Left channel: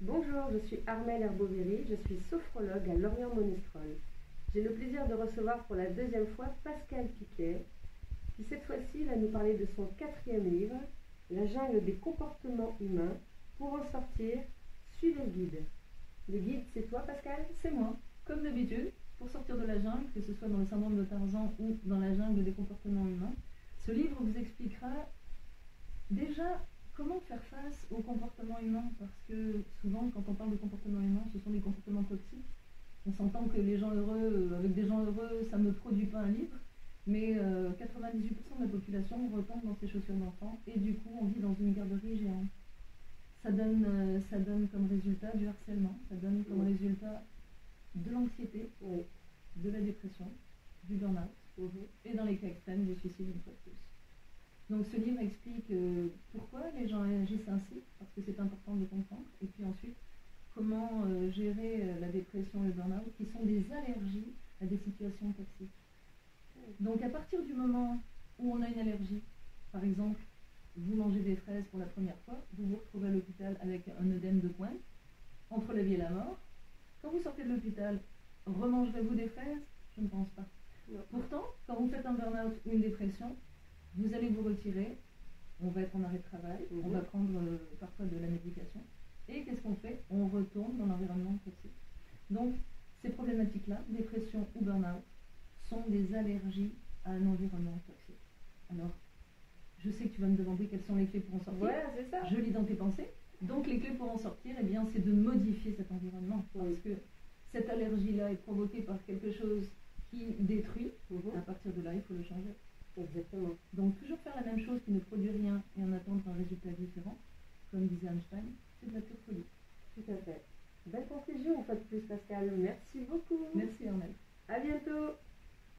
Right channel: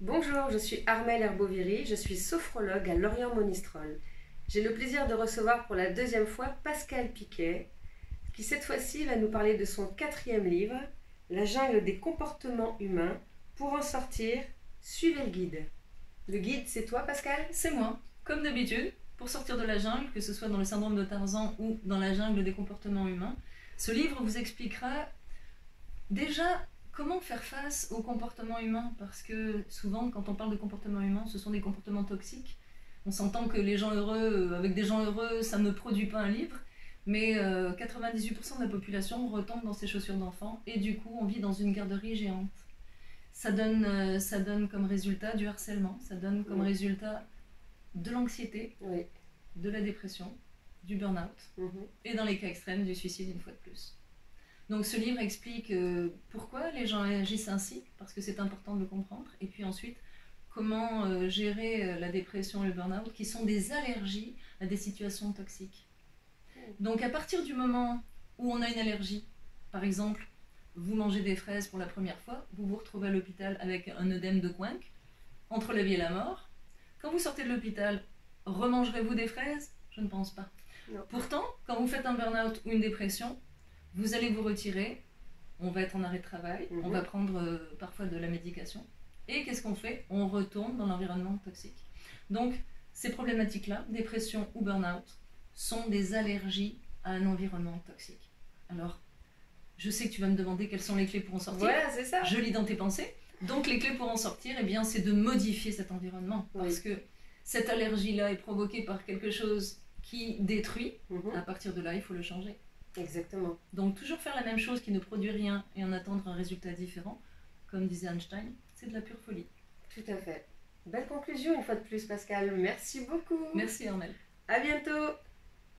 Bonjour, je suis Armelle Herboviri, je suis sophrologue à Lorient-Monistrol. J'ai le plaisir de recevoir pour la deuxième fois Pascal Piquet, qui cette fois-ci va nous parler de son 4e livre, La jungle des comportements humains. Pour en sortir, suivez le guide. Le guide, c'est toi, Pascal? C'est moi, comme d'habitude, pour sortir de la jungle, que ce soit dans le syndrome de Tarzan ou dans la jungle des comportements humains. Ce livre vous expliquera déjà comment faire face aux comportements humains, parce que souvent, quand on parle de comportements humains, ce sont des comportements toxiques. On s'entend que les gens heureux, avec des gens heureux, ça ne produit pas un livre, mais 98% de la population retombe dans ses chaussures d'enfant, et du coup, on vit dans une garderie géante. Ça donne comme résultat du harcèlement, ça donne comme résultat de l'anxiété, de la dépression, du burn-out, et dans les cas extrêmes, du suicide une fois de plus. Donc ce livre explique pourquoi les gens agissent ainsi, parce que c'est important de le comprendre, et puis ensuite comment gérer la dépression et le burn-out, qui sont des allergies à des situations toxiques. Donc à partir du moment où on a une allergie, par exemple, vous mangez des fraises pour la première fois, vous vous retrouvez à l'hôpital avec un œdème de Coinck, entre la vie et la mort. Quand vous sortez de l'hôpital, remangerez-vous des fraises? Je ne pense pas. Non. Pourtant, quand vous faites un burn-out ou une dépression, vous allez vous retirer, on va être en arrêt de travail, on va prendre parfois de la médication. Et qu'est-ce qu'on fait? On retourne dans l'environnement toxique. Donc, ces problématiques-là, dépression ou burn-out, sont des allergies à un environnement toxique. Alors, je sais que tu vas me demander quelles sont les clés pour en sortir. Voilà, c'est ça. Je lis dans tes pensées. Donc, les clés pour en sortir, eh bien, c'est de modifier cet environnement. Parce que cette allergie-là est provoquée par quelque chose qui détruit. À partir de là, il faut le changer. Exactement. Donc toujours faire la même chose qui ne produit rien et en attendre un résultat différent, comme disait Einstein, c'est de la pure folie. Tout à fait. Belle conclusion une fois de plus, Pascal. Merci beaucoup. Merci Armelle. À bientôt.